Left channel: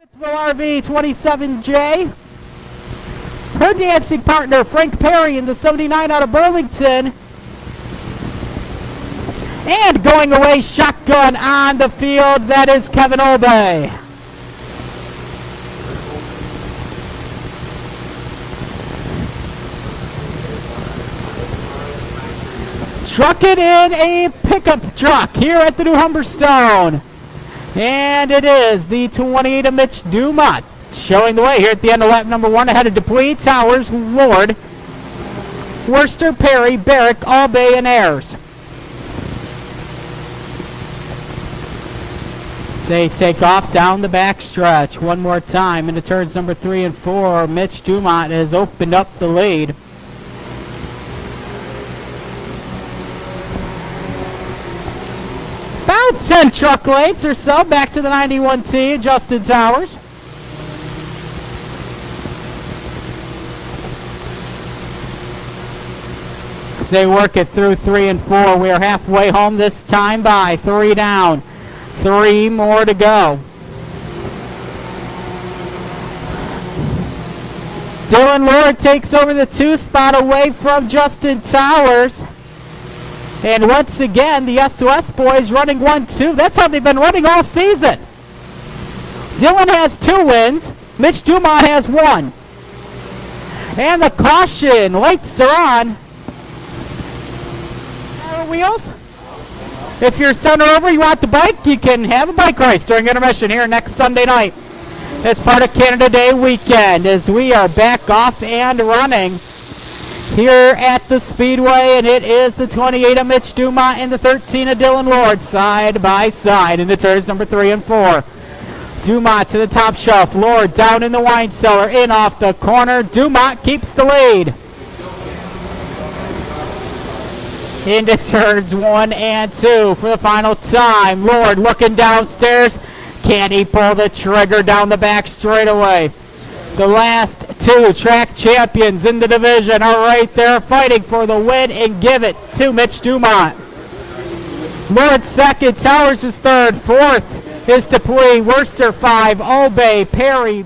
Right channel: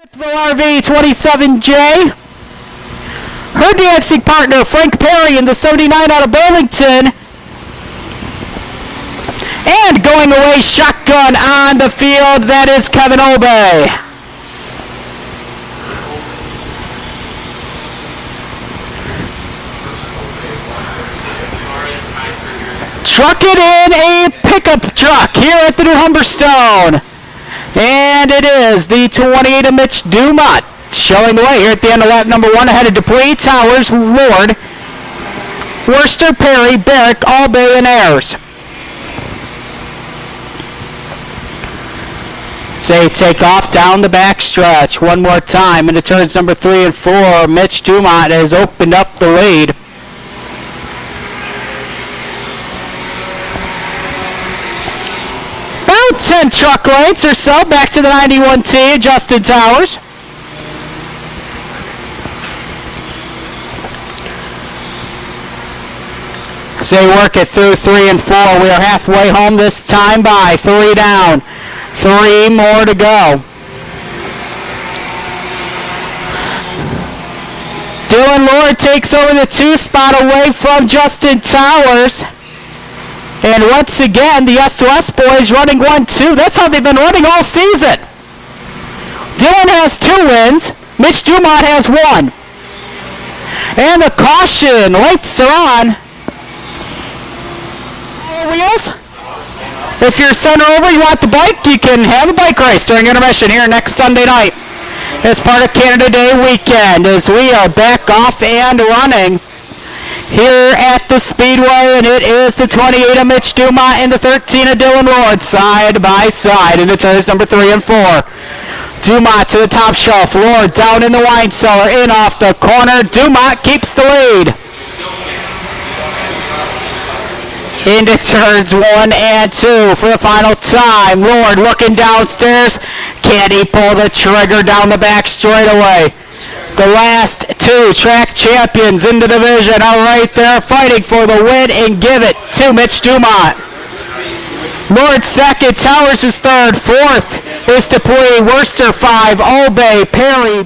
RV 27J. Her dancing partner Frank Perry in the 79 out of Burlington. And going away shotgun on the field, that is Kevin Obey. Truck it in a pickup truck here at the new Humberstone. And it is the 28 of Mitch Dumont showing the way here at the end of lap number 1, ahead of Dupuy, Towers, Lord, Worcester, Perry, Barrick, Albay, and Ayers. They take off down the back stretch one more time into turns number 3 and 4. Mitch Dumont has opened up the lead. About 10 truck lengths or so back to the 91T, Justin Towers. So they work it through 3 and 4. We are halfway home this time by 3 down. 3 more to go. Dylan Lord takes over the 2 spot away from Justin Towers. And once again, the S2S boys running 1-2. That's how they've been running all season. Dylan has 2 wins. Mitch Dumont has 1. And a caution. Lights are on. Wheels. If you're center over, you want the bike, you can have a bike race during intermission here next Sunday night as part of Canada Day weekend, as we are back off and running here at the Speedway. And it is the 28 of Mitch Dumont and the 13 of Dylan Lord side by side into turns number 3 and 4. Dumont to the top shelf, Lord down in the wine cellar, in off the corner. Dumont keeps the lead. Into turns 1 and 2 for the final time. Lord looking downstairs. Can he pull the trigger down the back straightaway? The last 2 track champions in the division are right there fighting for the win, and give it to Mitch Dumont. Lord second, Towers is third, fourth is Dupuy, Worcester 5, Albay, Perry,